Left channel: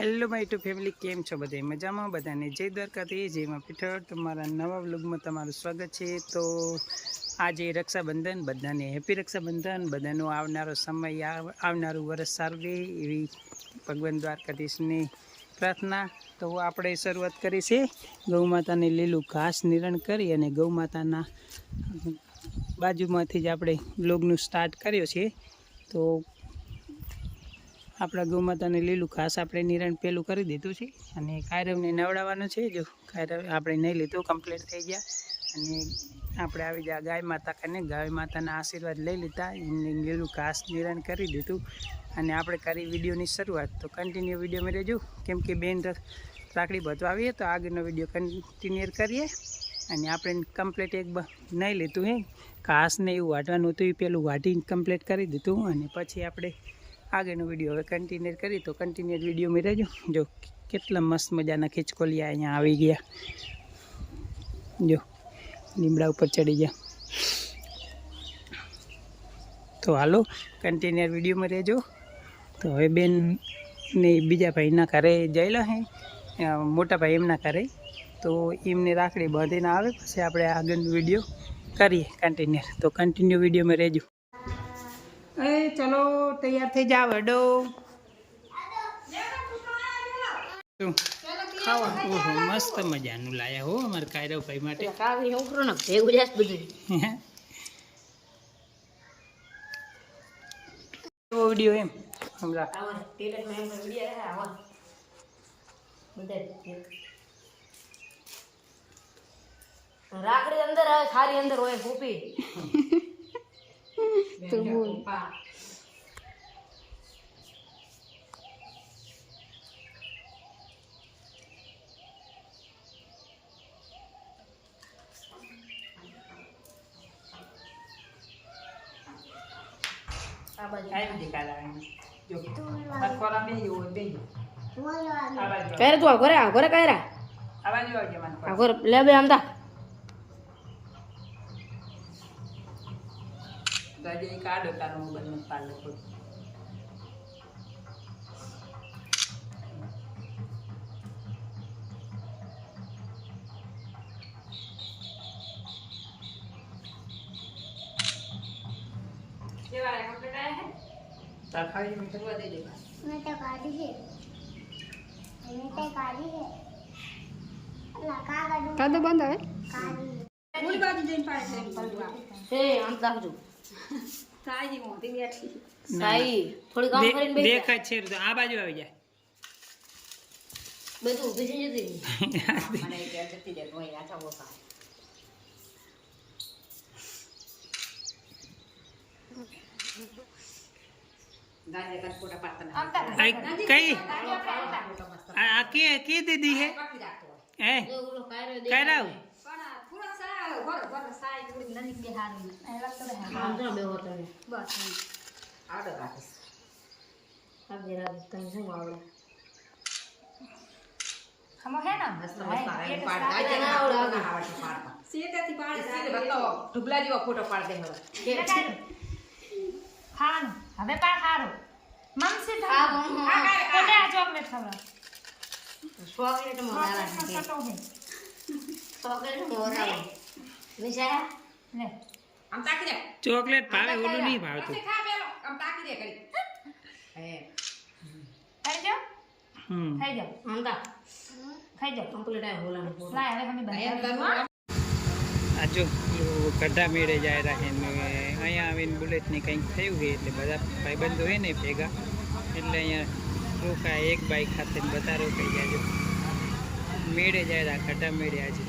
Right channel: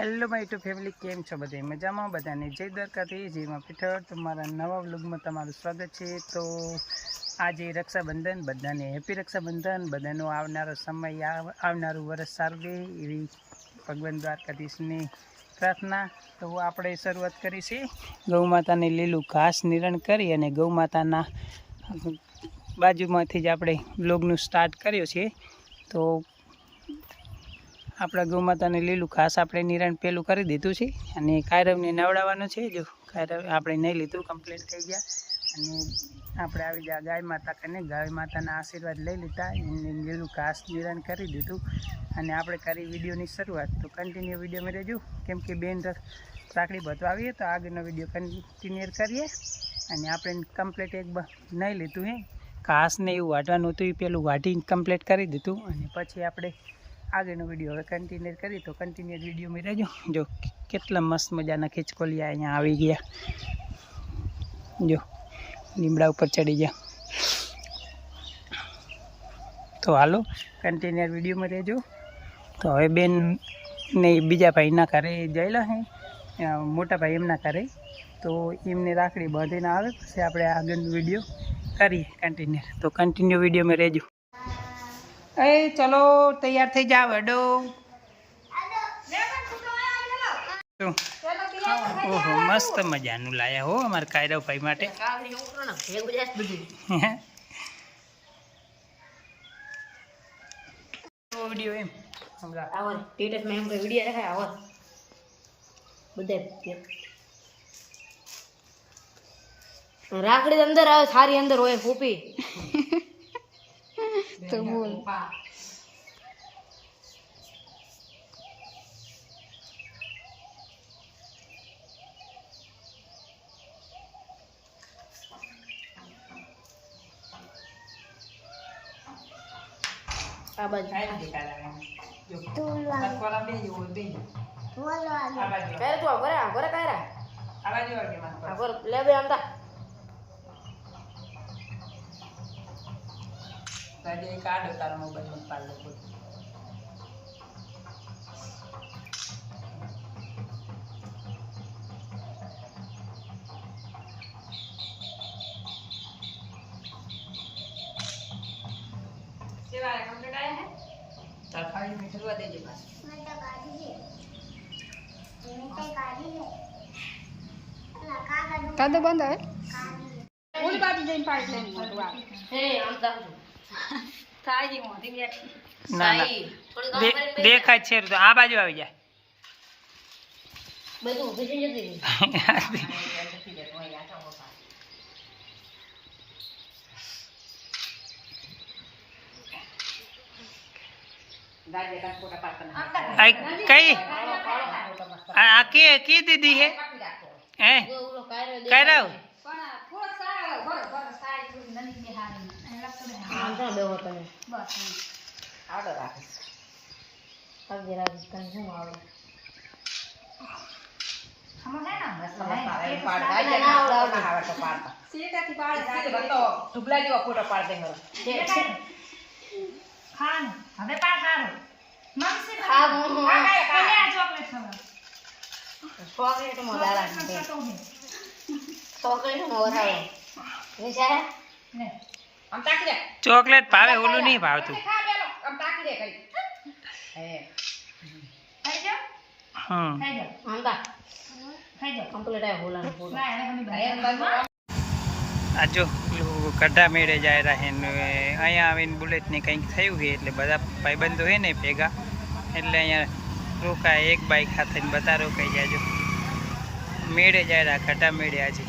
Hello my two family, કેમ છો બધા? મજામાં? બધાને જય દ્વારકાથી, જયમાં પીઠળ. તમારા નવા વ્લોગમાં તમારું સ્વાગત છે. તો આજે રક્ષાબંધન, બધાને હેપી રક્ષાબંધન. બધાનો આવનારો સમય, આવનારું વર્ષ સારું રહે એવી ભગવાન દ્વારકાધીશની પ્રાર્થના. તો આપણે શરૂઆત કરી છે ગૌ માતાને લીલું ઘાસ નિરણ કરી અને ગૌ માતાના બાજુમાંથી જ આપણે વ્લોગનું સ્ટાર્ટ કર્યો છે. તો આપણા ગૌ માતાને લીલું ઘાસ આપણે નિરણ પેલું કરી દીધું છે અને કાયરવને નવડાવવાનું છે. જો કાયરવ આપણે નહીં લીધું, કમ્પ્લીટ થઈ ગયા અને આપણે આવી ગયા ગાય માતા કને. ગાય માતાના આશીર્વાદ લઈ લીધા, એમને લીલું ઘાસ નિરણ કરી દીધું અને આપણે કરી વિડીયોની શરૂઆત. તો કન્ટિન્યુ વિડીયોમાં રહેજો, કેમ કે બેન રાખડી બધવા આવીએ તો આગળનો વિડીયો કન્ટિન્યુ કરીએ. અને આપણે કમ્પ્લીટ એક નહીં લીધું હે ઘાસને એવું વાટવાનું હતું, એ પેલું વાટીને કમ્પ્લીટ કરી દીધું અને પછી આપણે આગળનો વિડીયો હવે કન્ટિન્યુ કરી. તો કન્ટિન્યુ વિડીયોમાં રહેજો. જો કેટલા મસ્ત મજાના ખીચકોલિયા અહીંયા આવી ગયા. જો લીમડા ઉપર ચડી ગયા. તો હાલો કન્ટિન્યુ વિડીયોમાં રહેજો. તો હવે બેન ને બીજા ભાઈના ઘરે જયેલા હે, મોટા ભાઈ એમના ઘરે, તો એમને રાખડી બાંધીને આવે પછી આપણે આગળનો વિડીયો કરીએ કન્ટિન્યુ. તો કન્ટિન્યુ વિડીયોમાં રહેજો. એ ચલો તૈયાર થઈ જાવ હેડો. ઓહો મસ્ત મજાનું લાયા હો અમારા કાયરવ ભાઈ માટે. વિડીયો એમ રાખડી અંદર આવે, સારી અંદર હોય ફૂપી તો બોલ. આ બાજુ આઈ દેખાડા જો મનકોરા બે જો બે આ બાજુ કરે તું ઘરે ઘરે કાયરા આ બાજુ આવજે મનકોરા ઘરે લે બે આમદા દાદી એક આડો તારા મોબાઈલમાં પાડલો ખોટ. કેવા કમ્પ્લીટ આયા હે તાર ખાલી મીઠવા દેજો બા. मैं तो गाड़ी है, मैं तो गाड़ी है, लगा गाड़ी કાદો બંધ હે गाड़ी ઓલી બાજુ જઈને પાડી દે ફલવા હે આમ તાકજો કાજી મોતી બેઠી ના ના થોડી કામ કરીને બે દેખાય છે તો આ બાજુ આવી જાય. બધું ઊભી થઈ જતી કઈ આ કે દીદી હે હે કાયરવ ફોટો પાડ દે મારો ખાવાનું હવે પા ખારો મમસી ચોકલેટ ખાવા ચોકલેટ મોદાલા ચોકલેટ મોરાવો વિચાર ને આમ તાકી દે ચોકલેટ ભાવે, ઓલું નહીં ભાવતું. ખા પેલો આમ તાકી દે કરી હે ખાઈ જાઓ હમ ખાઈ જાઓ આમ તા ખાઈ જાઓ કમ્પ્લીટ આ હોલાનો ફોટો ના હવે મને આ જો ગઢા મેળે જાય રહે ને અહીંયા આવીને બુલેટને કંઈક થયું છે એટલે બધા ભાઈબંધો હોય ને ભેગા, એટલે અહીંયા રોકાય એક બાઈક સાથે બધા રોકાઈ જાય. જો મેળે જાય ગઢા મેળે આજે.